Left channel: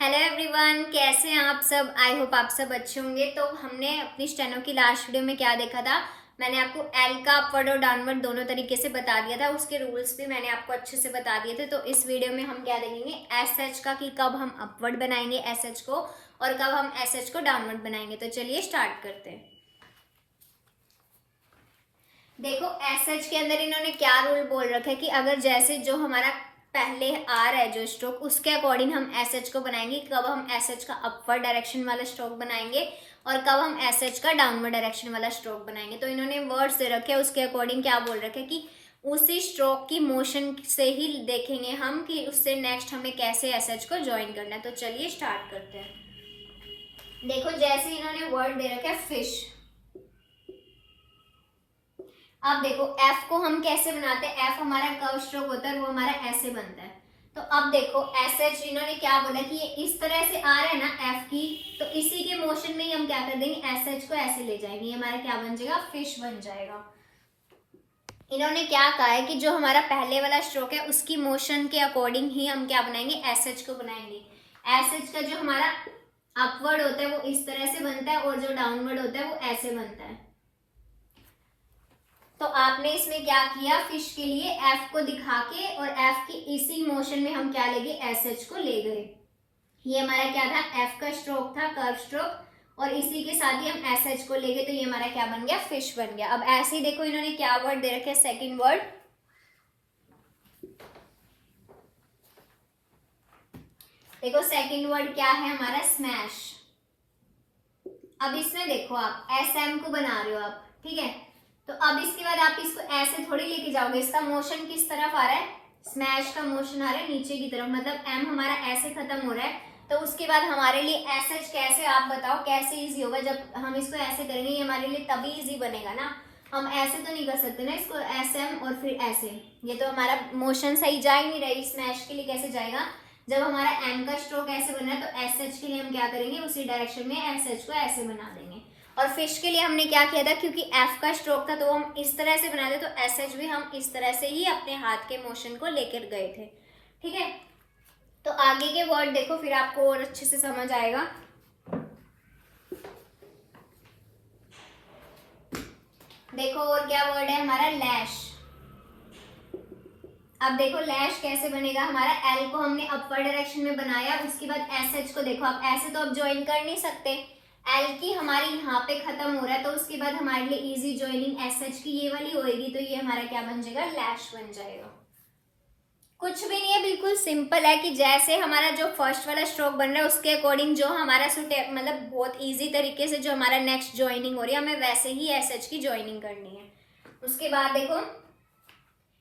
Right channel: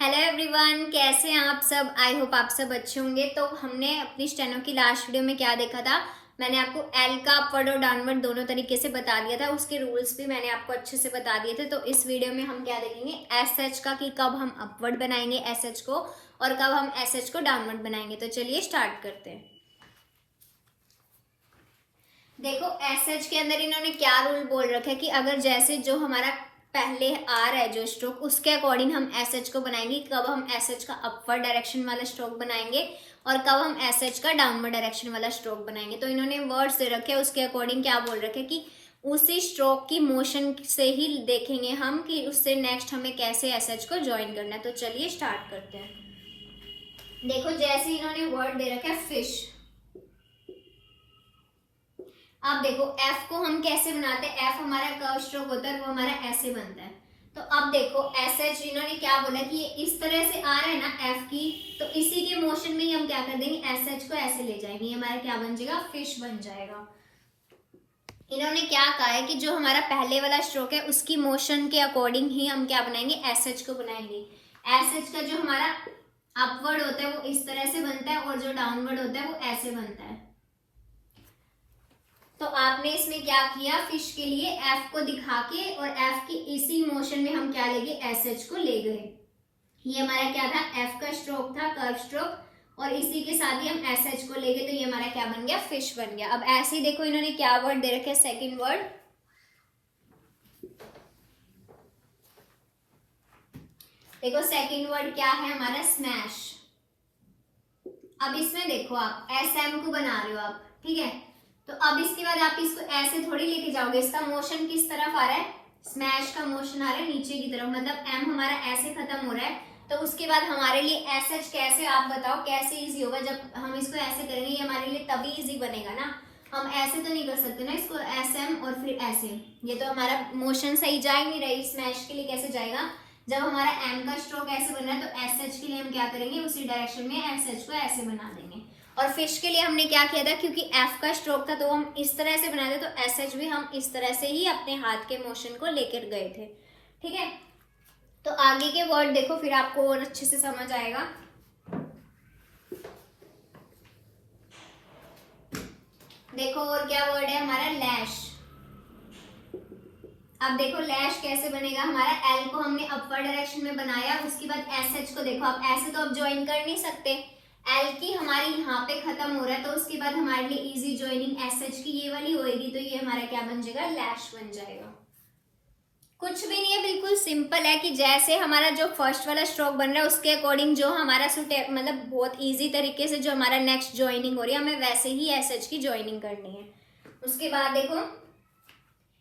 Hello everyone, कैसे हैं आप सब। आई होप आप सब अच्छे होंगे। तो हमने अपनी स्टेनो की लास्ट वीडियो में क्या देखा था, मैंने आपको एल का अपवर्ड और डाउनवर्ड दोनों तरीके से बता दिया था। उसके रूल्स भी मैंने आपको अच्छे से बता दिए थे। तो इस वीडियो में हम क्या देखेंगे, एस एच का कि कब हम अपवर्ड बनाएंगे एस एच को और कब हम एस एच को डाउनवर्ड बनाएंगे। तो चलिए स्टार्ट करते हैं। देखो एस एच के अंदर इन्होंने क्या रूल बोल रखा है कि अगर जैसे जो हमारा पहले आ रहा है जो स्ट्रोक, उसके अकॉर्डिंग हम एस एच को बनाएंगे। कब हम एस एच का अपवर्ड डायरेक्शन वाला स्ट्रोक बनाएंगे और कब हम एस एच का डाउनवर्ड डायरेक्शन वाला स्ट्रोक बनाएंगे। तो इन्होंने वर्ड्स दे रखे हैं, उसके अकॉर्डिंग क्या बोल रखे हैं कि उसी स्ट्रोक की मोशन से ही देखेंगे हम कि उससे नेक्स्ट हमें कैसे एस एच को ज्वाइन करना है। तो चलिए स्टार्ट करते हैं। देखो जैसे इन्होंने वर्ड दे रखा है फिश। अब देखो एफ को हम कैसे बनाते हैं, एफ हमारा कर्व स्ट्रोक होता है और वो हमारा ऐसे बनता है। तो अब देखो एस एच इन्होंने क्या बोला कि ये इस तरह से आ रहा है ना एफ की, तो इसी के मोशन में ही हम क्या कर देंगे, एस एच को ऐसे ले जाएंगे। ये हमारा क्या बन जाएगा, फिश बन जाएगा। इन्होंने क्या कहा है कि जो हमारा पहले वाला स्ट्रोक है उसकी मोशन के अकॉर्डिंग ही हम क्या बनाएंगे, एस एच को बनाएंगे। एस एच का जो हमारा अपवर्ड होता है वो इस तरह से बनता है और जो डाउनवर्ड होता है वो ऐसे बनता है। तो आपने इसमें क्या किया, फिश के लिए एफ को दिखा के और एफ की इसी मोशन में हम क्या लेंगे, एस एच को ले गए। ये हमारा क्या था, एफ का स्ट्रोक था, कर्व स्ट्रोक, और इसी के साथ ही हम एस एच को ले गए। तो ये हमारा क्या बन गया, फिश बन गया। अब ऐसे ही देखो इन्होंने क्या वर्ड दे रखे, सेकेंड वर्ड। देखो सेकेंड वर्ड क्या है हमारा, स्मैश। अब इसमें देखो आप एस एम को बना रहे हो आप, ठीक है। तो अब इसके बाद आप इसको ऐसे थोड़ी लेके जाओगे, इसका मोशन किस तरफ आ रहा है, स्मैश का मोशन आ रहा है नीचे की तरफ, मतलब एम हमारा ऐसे खत्म हो रहा है। तो उसके बाद हमारे लिए एस एच कैसे, आप बताओ कैसे इजी होगा। जब हम इसको ऐसे करेंगे ये हमारे लिए तभी इजी बनेगा ना, हम ऐसे तो नहीं कर सकते ना इसको, एस एम और फिर ऐसे, ये तो हमारा मोशन सही जा ही नहीं रही। स्मैश के लिए कैसे जाएगा, जब हमारा एम का स्ट्रोक ऐसे बन रहा है तो एस एच के लिए हम क्या करेंगे, उसी डायरेक्शन में एस एच को ऐसे बना देंगे। और फिश के लिए हमने क्या किया था, क्योंकि एफ का स्ट्रोक था तो हम इस तरह से बनाते, तो एस एच भी हम इस तरह से ही अपने हाथ के मोशन को लेकर गए थे, ठीक है। तो आगे के वर्ड देखो फिर आपको और अच्छे से समझ आएगा। देखो और क्या वर्ड है हमारा, लैश। अब देखो लैश कैसे बनेगा, हमारा एल को हमने अपर डायरेक्शन में बनाया, उसके बाद एस एच को देखो आप ऐसे तो अब ज्वाइन कर नहीं सकते, एल की हमारी यहाँ पे खत्म हो रहा है, तो उसके बाद हमारे लिए इजी ज्वाइनिंग एस एच की ये वाली होएगी। तो ये हमारा क्या बन जाएगा, लैश बन जाएगा। कुछ भी नहीं है, बिल्कुल सिंपल है कि जैसे हमारा जो फर्स्ट वाला स्ट्रोक बन रहा है उसके अकॉर्डिंग जो हमारा मतलब बहुत इजी तरीके से जो हमारा नेक्स्ट ज्वाइनिंग हो रही है हमें वैसे ही एस एच की ज्वाइनिंग करनी है। उसके बाद देखो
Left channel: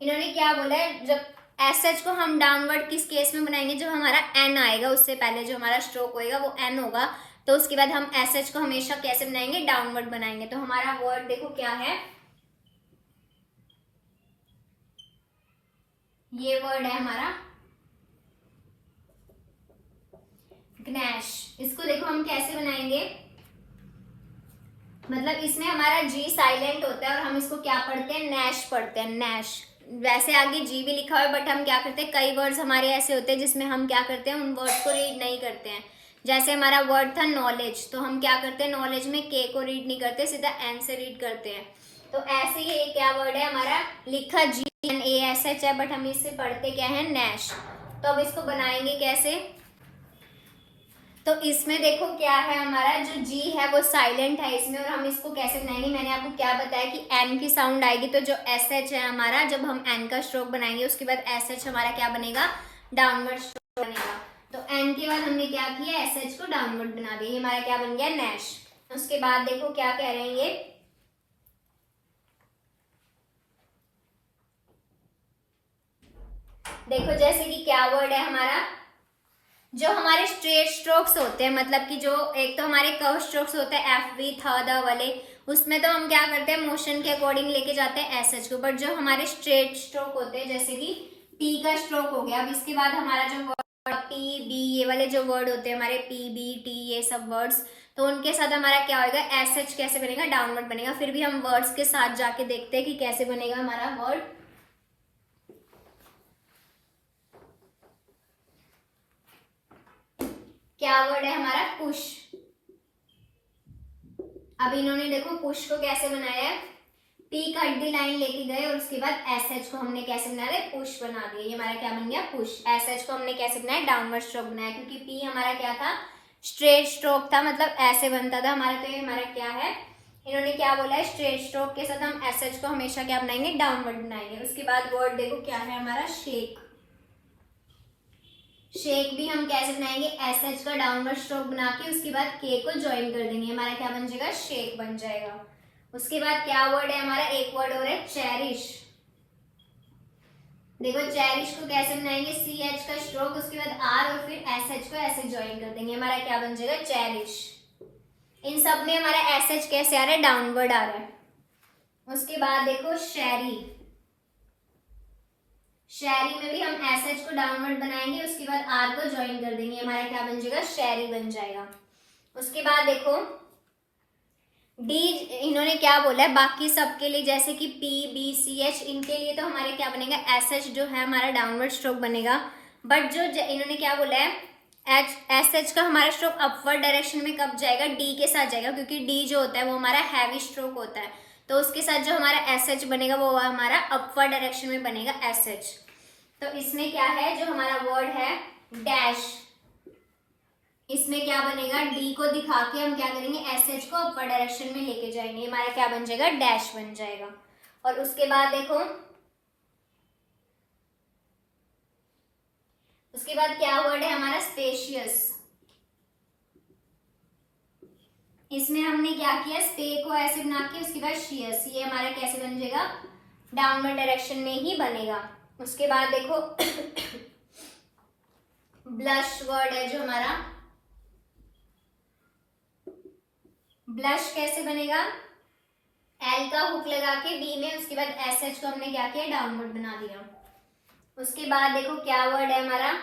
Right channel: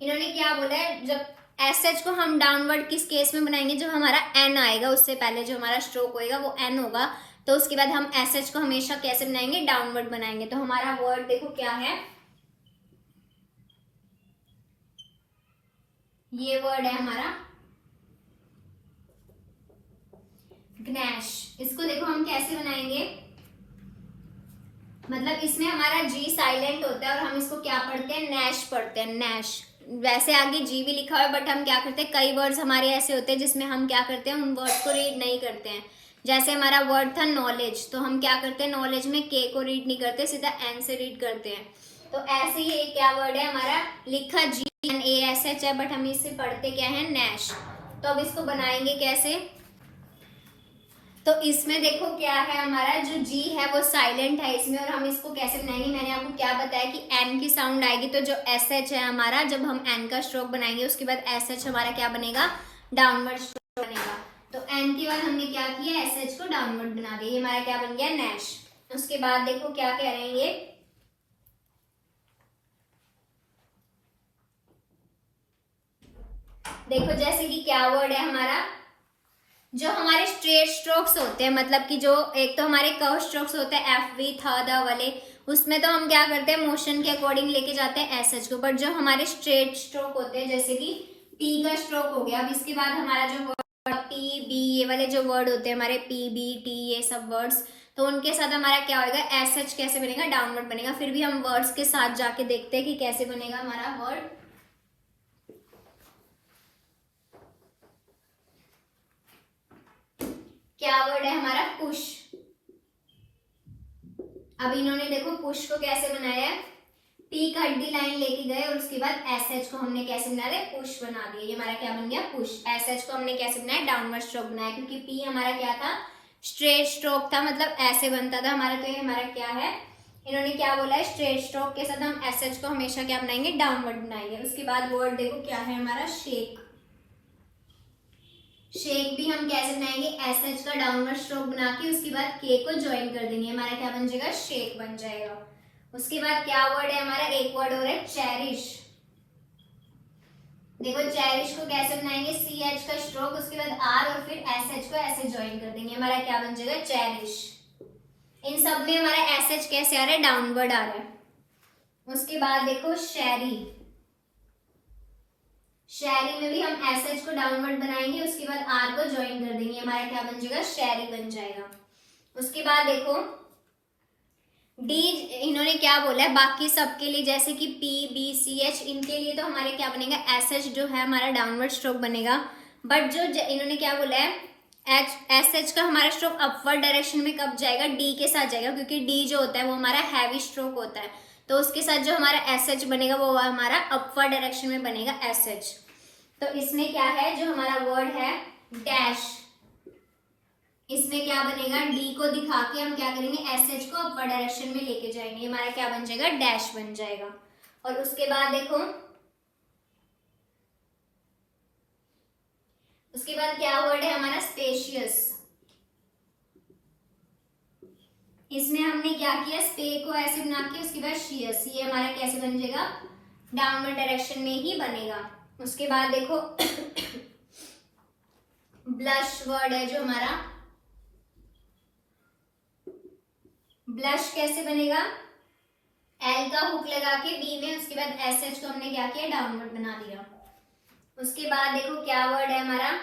इन्होंने क्या बोला है, जब एस एच को हम डाउनवर्ड किस केस में बनाएंगे, जब हमारा एन आएगा, उससे पहले जो हमारा स्ट्रोक होएगा वो एन होगा। तो उसके बाद हम एस एच को हमेशा कैसे बनाएंगे, डाउनवर्ड बनाएंगे। तो हमारा वर्ड देखो क्या है, ये वर्ड है हमारा ग्नैश। इसको देखो हम कैसे बनाएंगे, मतलब इसमें हमारा जी साइलेंट होता है और हम इसको क्या पढ़ते हैं, नैश पढ़ते हैं, नैश। वैसे आगे जी भी लिखा हुआ है बट हम क्या करते हैं, कई वर्ड्स हमारे ऐसे होते हैं जिसमें हम क्या करते हैं, उन वर्ड्स को रीड नहीं करते हैं। जैसे हमारा वर्ड था नॉलेज, तो हम क्या करते हैं, नॉलेज में के को रीड नहीं करते, सीधा एन से रीड करते हैं। तो ऐसे ही एक क्या वर्ड है हमारा, लिखा G N A S H है बट हम इससे पढ़ते क्या है, नैश। तो अब इसको बनाएंगे कैसे, तो इसमें देखो क्या है, हमारा जो जी है वो साइलेंट है इसमें, और हम इसको कैसे बनाएंगे, मैंने आपको क्या बताया कि एन की साउंड आएगी तो जो एस एच है हमारा, जब हम एन का स्ट्रोक बनाएंगे उसके बाद एस एच हमारा क्या बनेगा, डाउनवर्ड स्ट्रोक बनेगा। तो एन के बाद हमने क्या किया, एस एच को डाउनवर्ड बना दिया, ये हमारा क्या बन गया, नैश। उसके बाद देखो क्या कह रहे हैं ये, देखो जैसे कि क्या वर्ड है हमारा, जो हमारे स्ट्रेट स्ट्रोक्स होते हैं, मतलब कि जो एक तो हमारे कर्व स्ट्रोक्स होते हैं एफ वी था द वाले, उसमें तो हम क्या करते हैं, मोशन के अकॉर्डिंग लेके जाते हैं एस एच को। बट जो हमारे स्ट्रेट स्ट्रोक होते हैं, जैसे कि टी का स्ट्रोक हो गया, अब इसके बाद हमारा जो वर्ड पी बी, ये वाले जो वर्ड होते हैं हमारे पी बी टी ये सब वर्ड्स, तो उनके साथ हमारा क्या होगा, एस एच कैसे बनेगा, डाउनवर्ड बनेगा। फिर भी हम वर्ड्स के साथ जाके देखते हैं कि कैसे बनेगा हमारा वर्ड। क्या वर्ड है हमारा, पुश। अब इन्होंने देखो पुश को कैसे बनाया है, पी कट दी लाइन लेके गए और उसके बाद एस एच को हमने कैसे बना दिया, पुश बना दिया। ये हमारा क्या बन गया, पुश। एस एच को हमने कैसे बनाया, डाउनवर्ड स्ट्रोक बनाया, क्योंकि पी हमारा क्या था, स्ट्रेट स्ट्रोक था, मतलब ऐसे बनता था हमारा। तो ये हमारा क्या है, इन्होंने क्या बोला है, स्ट्रेट स्ट्रोक के साथ हम एस एच को हमेशा क्या बनाएंगे, डाउनवर्ड बनाएंगे। उसके बाद वर्ड देखो क्या है हमारा, शेक। शेक भी हम कैसे बनाएंगे, एस एच का डाउनवर्ड स्ट्रोक बना के उसके बाद के को ज्वाइन कर देंगे, हमारा क्या बन जाएगा, शेक बन जाएगा। उसके बाद क्या वर्ड है हमारा, एक वर्ड और है चेरिश। देखो चेरिश को कैसे बनाएंगे, सी एच का स्ट्रोक, उसके बाद आर और फिर एस एच को ऐसे ज्वाइन कर देंगे, हमारा क्या बन जाएगा, चेरिश। इन सब में हमारा एस एच कैसे आ रहा है, डाउनवर्ड आ रहा है। उसके बाद देखो शेरी। शेरी में भी हम एस एच को डाउनवर्ड बनाएंगे, उसके बाद आर को ज्वाइन कर देंगे, हमारा क्या बन जाएगा, शेरी बन जाएगा। उसके बाद देखो डी, इन्होंने क्या बोला है, बाकी सबके लिए जैसे कि पी बी सी एच, इनके लिए तो हमारे क्या बनेगा, एस एच जो है हमारा डाउनवर्ड स्ट्रोक बनेगा। बट जो इन्होंने क्या बोला है, एस एच का हमारा स्ट्रोक अपवर्ड डायरेक्शन में कब जाएगा, डी के साथ जाएगा, क्योंकि डी जो होता है वो हमारा हैवी स्ट्रोक होता है। तो उसके साथ जो हमारा एस एच बनेगा वो हमारा अपवर्ड डायरेक्शन में बनेगा एस एच। तो इसमें क्या है, जो हमारा वर्ड है डैश, इसमें क्या बनेगा, डी को दिखा के हम क्या करेंगे, एस एच को अपर डायरेक्शन में लेके जाएंगे, हमारा क्या बन जाएगा, डैश बन जाएगा। और उसके बाद देखो, उसके बाद क्या वर्ड है हमारा, स्पेशियस। इसमें हमने क्या किया, स्पे को ऐसे बना के उसके बाद शियस, ये हमारा कैसे बन जाएगा, डाउनवर्ड डायरेक्शन में ही बनेगा। उसके बाद देखो ब्लश वर्ड है जो हमारा, ब्लश कैसे बनेगा, एल का हुक लगा के बी में, उसके बाद एस एच को हमने क्या किया, डाउनवर्ड बना दिया। उसके बाद देखो क्या वर्ड है हमारा,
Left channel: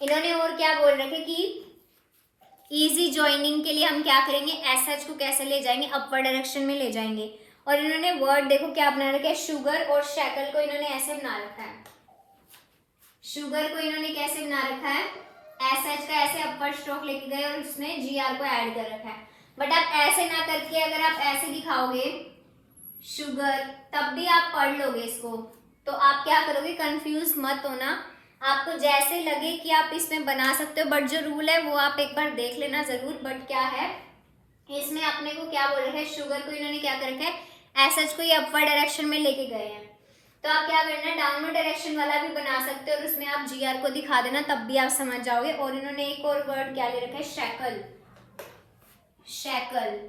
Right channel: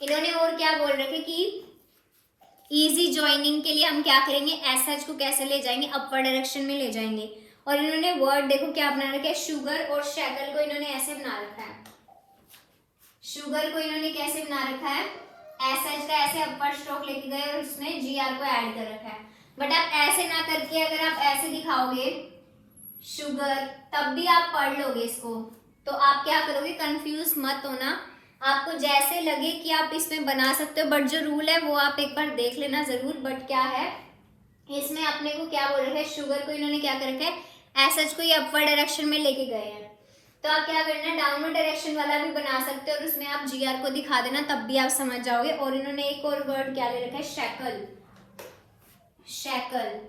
इन्होंने और क्या बोल रहे थे कि इजी ज्वाइनिंग के लिए हम क्या करेंगे, एस एच को कैसे ले जाएंगे, अपर डायरेक्शन में ले जाएंगे। और इन्होंने वर्ड देखो क्या बना रखा है, शुगर और शैकल को इन्होंने ऐसे बना रखा है। शुगर को इन्होंने कैसे बना रखा है, एस एच का ऐसे अपर स्ट्रोक लेके गए और उसमें जी आर को ऐड कर रखा है। बट आप ऐसे ना करके अगर आप ऐसे दिखाओगे शुगर, तब भी आप पढ़ लोगे इसको, तो आप क्या करोगे, कंफ्यूज मत होना, आपको जैसे लगे कि आप इसमें बना सकते हो। बट जो रूल है वो आप एक बार देख लेना जरूर। बट क्या है इसमें अपने को क्या बोल रहे हैं, शुगर को इन्होंने क्या कर रखा है, एस एच को ये अपर डायरेक्शन में लेके गए हैं। तो आप क्या करना, डाउनवर्ड डायरेक्शन वाला भी बना सकते हो और उसमें आप जी आर को दिखा देना, तब भी आप समझ जाओगे। और इन्होंने एक और वर्ड क्या ले रखा है, शैकल। शैकल,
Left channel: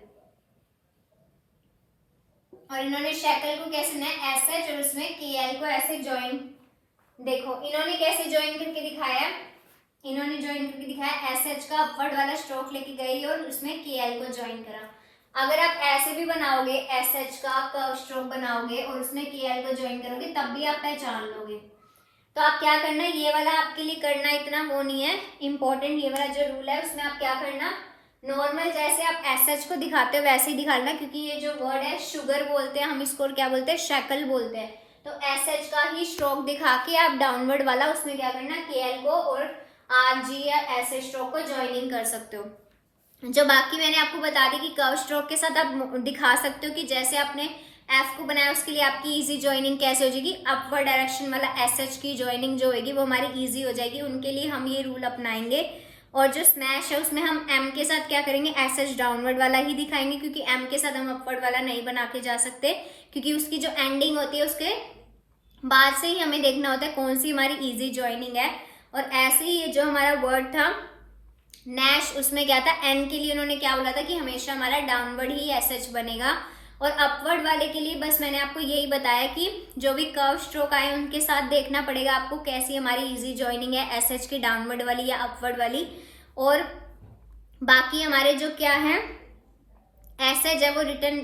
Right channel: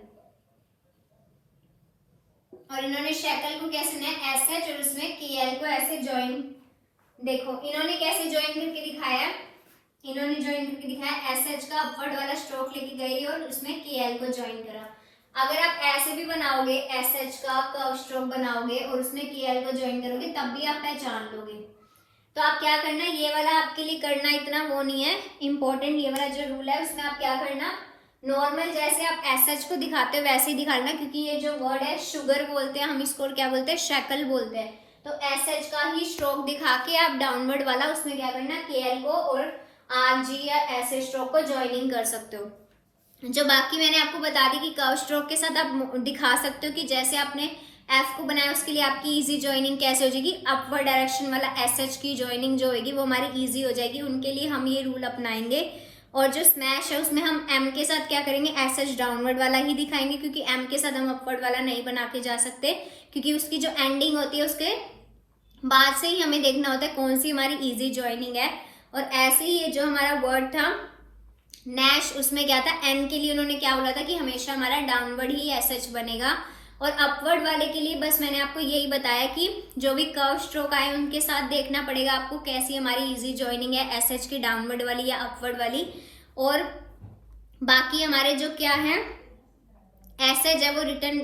और इन्होंने शैकल को कैसे बनाया, एस एच और उसमें के एल को ऐसे ज्वाइन, देखो इन्होंने कैसे ज्वाइन करके दिखाया, इन्होंने ज्वाइन करके दिखाया, एस एच का अपवर्ड वाला स्ट्रोक लेके गई और उसमें के एल को ज्वाइन करा। अगर आप ऐसे भी बनाओगे, एस एच का कर्व स्ट्रोक बनाओगे और उसमें के एल को ज्वाइन करोगे, तब भी आप पहचान लोगे। तो आप क्या करना, ये वाला आपके लिए करना इतना वो नहीं है इम्पोर्टेंट, ये वाला जो रूल है उसमें आप क्या करना, नॉर्मल जैसे आप एस एच को दिखाते हो वैसे ही दिखाना, क्योंकि ये जो वर्ड है शुगर बोलते हैं हम इसको, क्या बोलते हैं, शैकल बोलते हैं। तो एस एच का ही स्ट्रोक दिखा के आप डाउनवर्ड वाला उसमें क्या करना, के एल को और आर जी या ऐसे स्ट्रोक को ज्वाइनिंग कर सकते हो। जो बाकी मैंने आपको बता दी कि कर्व स्ट्रोक के साथ आप दिखा सकते हो कि जैसे आपने एफ को बनाया उसके लिए आपकी इजी ज्वाइनिंग कैसे हो जाएगी, अपवर्ड डायरेक्शन वाला एस एच की ज्वाइनिंग जो होगी वो हमारी इजी हो जाएगी। उनके लिए हम ये रूल अपनाएंगे। और जो स्मैश है उसमें हम एम के साथ क्या करेंगे, एस एच डाउनवर्ड वाला ही दिखाएंगे, क्योंकि एम के साथ हम अपवर्ड वाला नहीं बना के जा सकते, क्योंकि उसकी जो एंडिंग होती है उसके बाद से ही हमें देखना होता है कौन सी हमारी इजी ज्वाइनिंग है। और ऐसे ही ये जो हमारा वर्ड था नैश, उसमें क्या था, एन के लिए उन्होंने क्या बोला था कि हमेशा हमारा डाउनवर्ड ही एस एच बनेगा। और अपवर्ड वाले के लिए बस मैंने आपको यही बताया कि जो भी कर्व स्ट्रोक आए उनके साथ देखना पड़ेगा आपको कैसी हमारी इजी ज्वाइनिंग है, एस एच की डाउनवर्ड वाली या अपवर्ड वाली। और बाकी हमारे जो क्या है एस एच है वो रिटर्न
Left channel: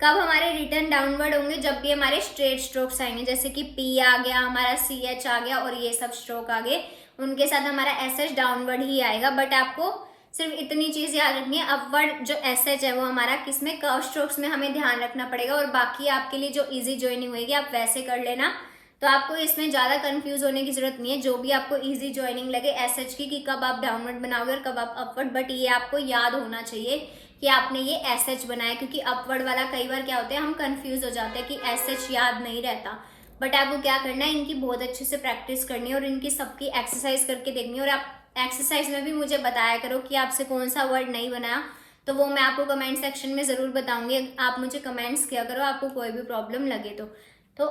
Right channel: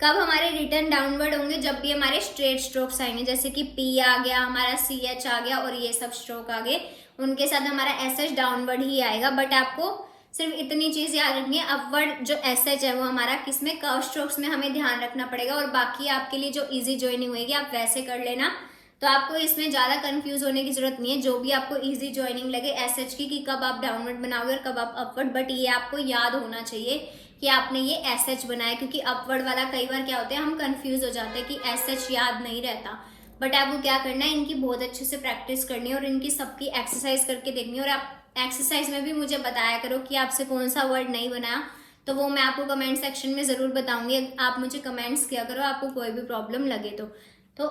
कब हमारे रिटर्न डाउनवर्ड होंगे, जब भी हमारे स्ट्रेट स्ट्रोक्स आएंगे, जैसे कि पी आ गया, हमारा सी एच आ गया और ये सब स्ट्रोक आ गए, उनके साथ हमारा एस एच डाउनवर्ड ही आएगा। बट आपको सिर्फ इतनी चीज याद रखनी है, अपवर्ड जो एस एच है वो हमारा किसमें, कर्व स्ट्रोक्स में हमें ध्यान रखना पड़ेगा। और बाकी आपके लिए जो इजी ज्वाइनिंग होगी आप वैसे कर लेना, तो आपको इसमें ज़्यादा कंफ्यूज होने की जरूरत नहीं है। जो भी आपको इजी ज्वाइनिंग लगे एसएच की, कि कब आप डाउनवर्ड बनाओगे और कब आप अपवर्ड, बट ये आपको याद होना चाहिए कि आपने ये एसएच बनाया, क्योंकि अपवर्ड वाला कई बार क्या होता है हम कंफ्यूज हो जाते हैं कि एसएच याद नहीं रहता। बट आपको क्या करना है, इनकी बहुत अच्छे से प्रैक्टिस करनी है और इनकी सबकी एक्सरसाइज करके देखनी है। और आप एक्सरसाइज में भी मुझे बताया करो कि आपसे कौन सा वर्ड नहीं बनाया, तो वो मैं आपको कमेंट सेक्शन में ज़रूर बताऊंगी। आप मुझे कमेंट्स किया करो आपको कोई भी प्रॉब्लम लगे तो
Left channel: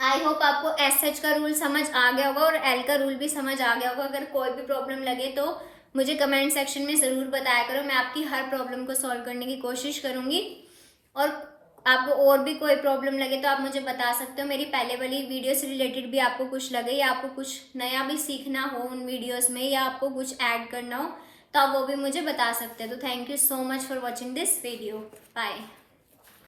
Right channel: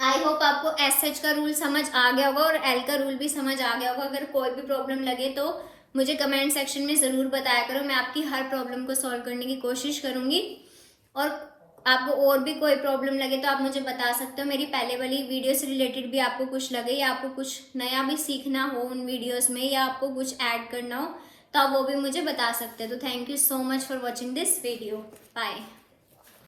आई होप आपको एसएच का रूल समझ आ गया होगा और एल का रूल भी समझ आ गया होगा। अगर कोई भी प्रॉब्लम लगे तो मुझे कमेंट सेक्शन में ज़रूर बताया करो, मैं आपकी हर प्रॉब्लम को सॉल्व करने की कोशिश करूंगी। और आपको और भी कोई प्रॉब्लम लगे तो आप मुझे बता सकते हो। मेरी पहले वाली वीडियो से रिलेटेड भी आपको कुछ लगे या आपको कुछ नया भी सीखना हो उन वीडियोस में, या आपको कुछ ऐड करना हो, तो आप वो भी मुझे बता सकते हैं। तो thank you so much for watching this video. Bye.